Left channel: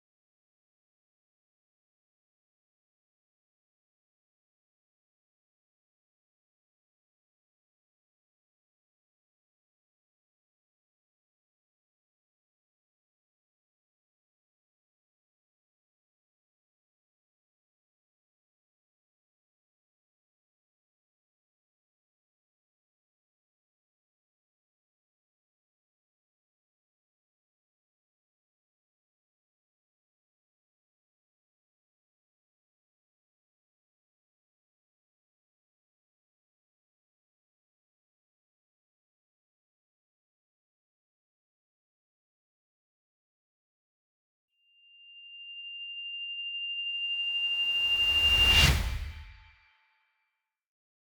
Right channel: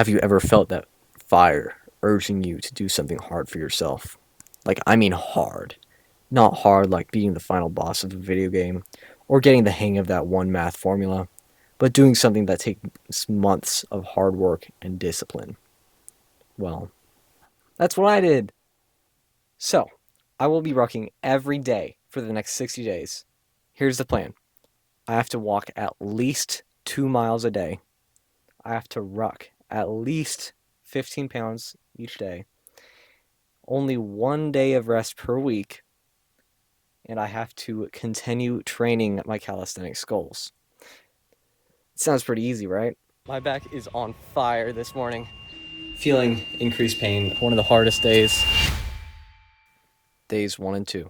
Have you ever felt that fire urging you to do something hard for yourself? Like, I mean hard. Not hard like being the final boss of a video game or getting the hang of that one math formula, but doing something that takes months of hard work and discipline. Well, that's what I did. So, I will be rucking every day for the next 60 days. Here's the plan. I have to walk at least 2 miles a day. I have to ruck at least 15 pounds each day. Only 1 day of rest per week, and I have to continue training my calisthenics goals. It sounds pretty easy, right? My back is on fire this morning. Feeling increased pain. One of the hardest days. Days 1 and 2.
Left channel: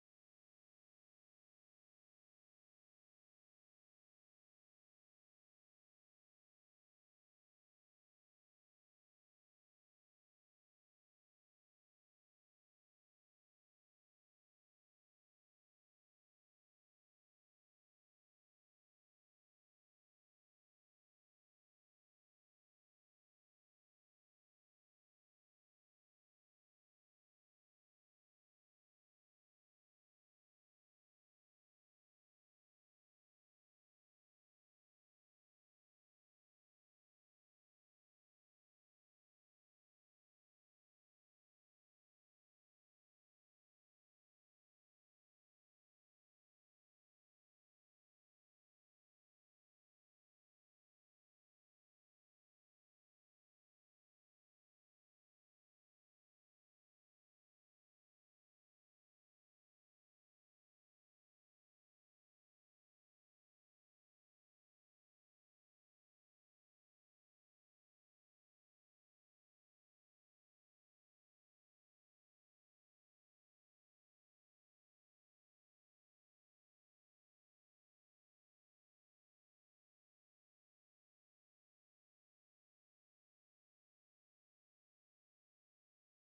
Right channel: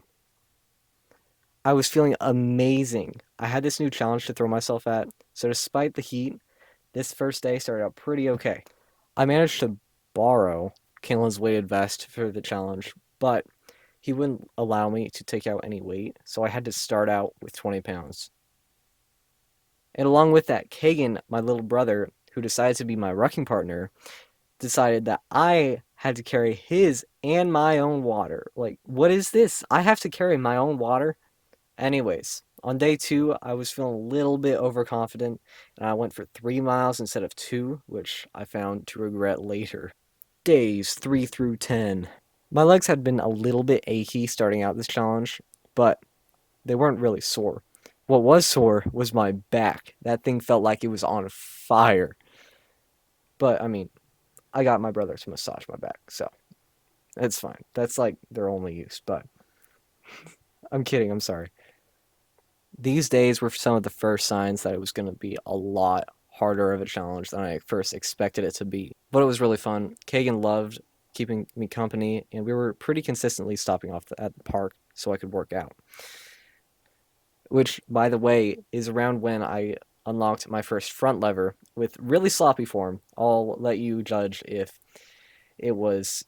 I was feeling amazing. I had this new challenge to throw myself at, so despite the heat, this first day started out pretty okay. I managed to borrow Kalen's weighted vest for the challenge, but he wouldn't allow me to take out any weight, so I had to start out with 20 pounds. And along with that, Kagan, my little brother, who decided to be my rucking partner, decided that I had to carry his and my own water. Like, what is this? I have to carry my own water? Anyways, on day 2, I was feeling a little bit overconfident, and I went for 3 miles instead of 2, which I found to regret later. Days 3 through 10. My legs had been a little bit achy starting out this challenge, but they weren't really sore. What was sore was my back. That thing felt like it was on fire. But, I mean, I got my brother to massage my back, so it's fine. That's like their only use, but I'm kidding, I'm sorry. These days were some of the first signs that it was going to be a lot harder of a challenge than I first expected it to be. But it was really fun. Kagan loved keeping me company, and we were pretty consistently stopping off at the park so I could work out. Which, by the way, is around when I unlocked my first front lever with really sloppy form. I'll let you judge if it was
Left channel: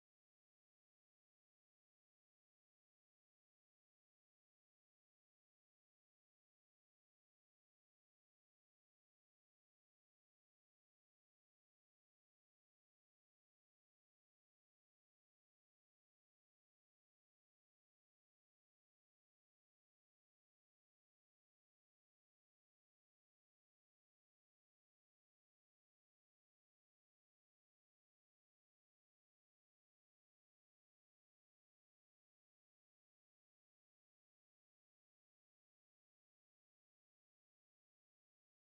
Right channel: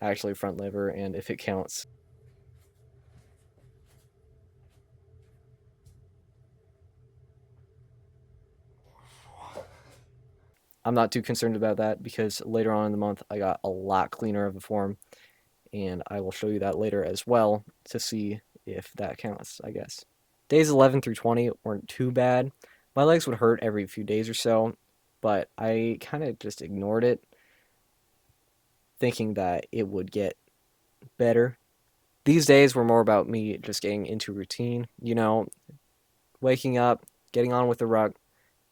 actually front lever and if it counts. I'm not too concerned about that because later on in the month I got a lot cleaner of a form, and I will show you that later as well to see if that counts, I guess. Days 11 through 20 weren't too bad. My legs would hurt every few days or so, but I kind of just ignored it, thinking that it would get better. These days were more about me just getting into routine, waking up, getting on with the ruck,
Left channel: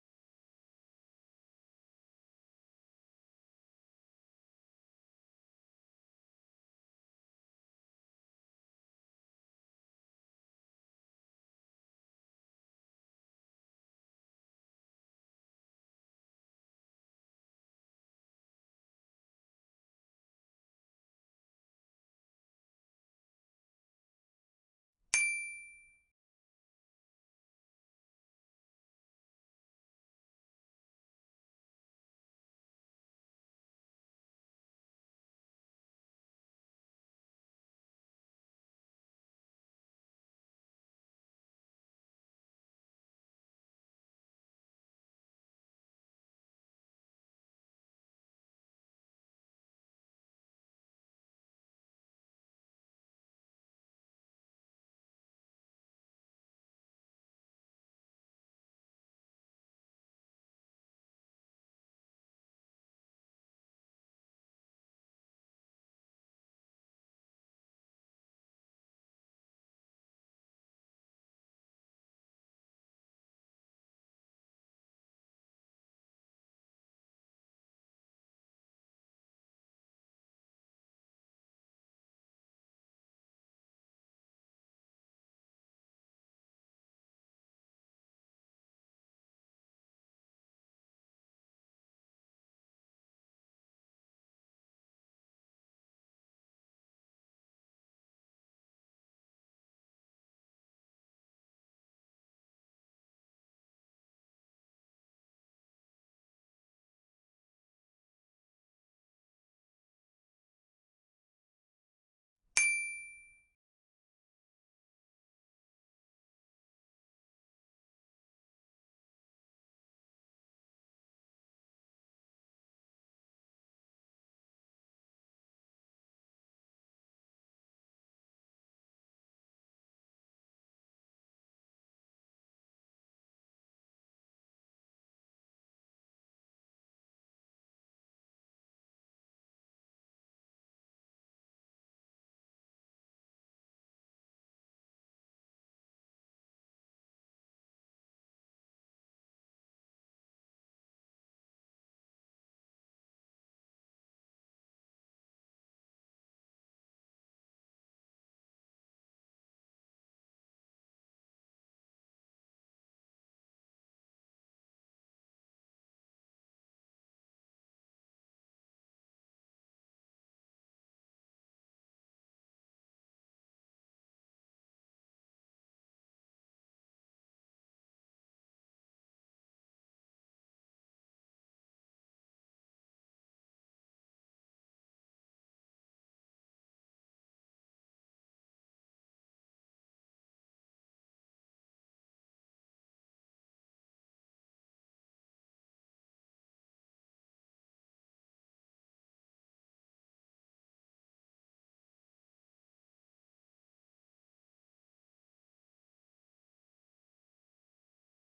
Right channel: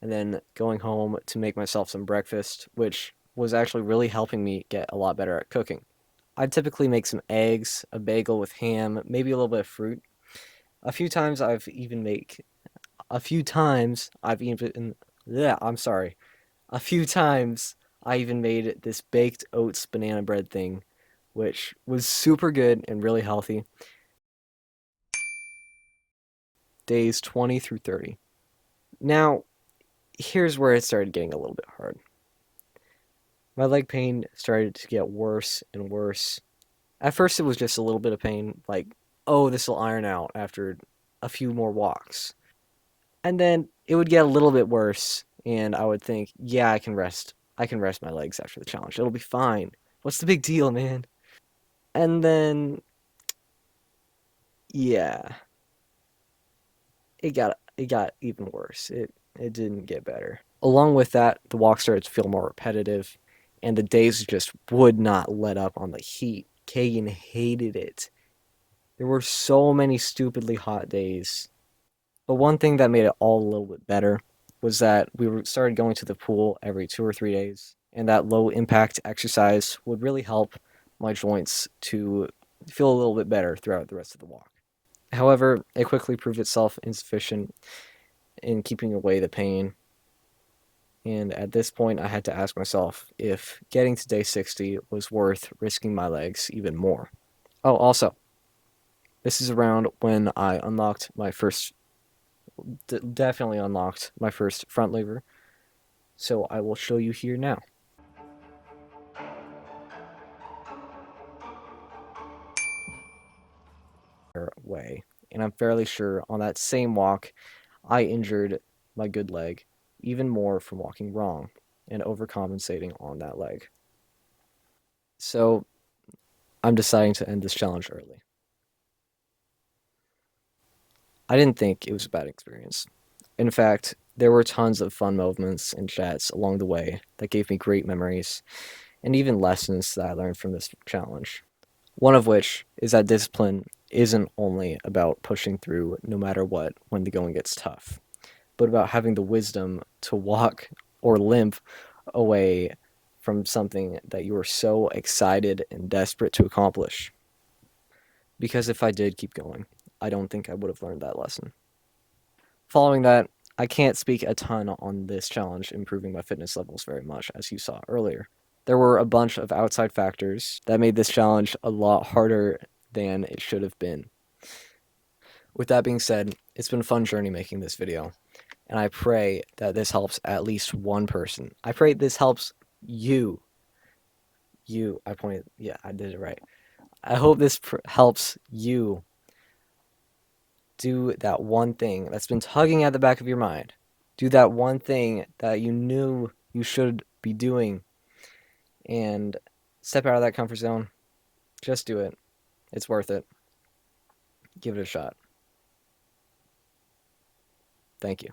and then going home to make myself some breakfast, which was actually really helping me get a lot better at cooking. I'd typically make some eggs, a bagel with ham, maybe a little bit of fruit. A few times I've even make a few times I've even yeah, I'm sorry. A few times I even made this baked oats banana bread thing, which was super good and really healthy. Days 20 through 30. Now, here's where it started getting a little bit hard. My leg pain started to get worse and worse. At first, it was just a little bit of pain, like, oh, this will iron out after a few more walks. And then it would get a little bit worse, and I would think, yeah, I can rest. I can rest my legs after the challenge. It'll be fine. What's the big deal, man? And then, yeah, it got even worse. It didn't get better. Along with that, the walk started to feel more repetitive, and the days just would not let up on the heat. Kagan hated it. There were so many stupidly hot days. But one thing that made it all a little bit better was that started going to the pool every 2 or 3 days, and that low impact exercise would really help my joints to feel a little bit better throughout the rest of the walk. However, it quickly proved itself insufficient in keeping away the pain, and at this point I had to ask myself if getting to day 60 was worth risking my legs even more. Oh, also, this is around when I unlocked my first definitely unlocked my first front lever, so I will show you here now. Way, and I'm fairly sure on that same walk, I injured my good leg even more from walking wrong. and overcompensating on that leg. So I'm deciding to end this challenge early. I didn't think it was a bad experience. In fact, there were tons of fun moments and chats along the way that gave me great memories and even lessons that I learned from this challenge. One of which is that discipline isn't only about pushing through no matter what when the going gets tough, but about having the wisdom to walk or limp away from something that you were so excited and desperate to accomplish. Because if I did keep going, I don't think I would have learned that lesson. Following that, I can't speak a ton on this challenge improving my fitness levels very much, as you saw earlier. There were a bunch of outside factors that made this challenge a lot harder than it should have been. With that being said, it's been a fun journey making this video, and I pray that this helps at least one person. I pray this helps you. You, I pointed, yeah, I did it right. I hope this helps you do that one thing that's been tugging at the back of your mind. Do that one thing that you knew you should be doing and step out of that comfort zone. Just do it. It's worth it. Give it a shot. Thank you.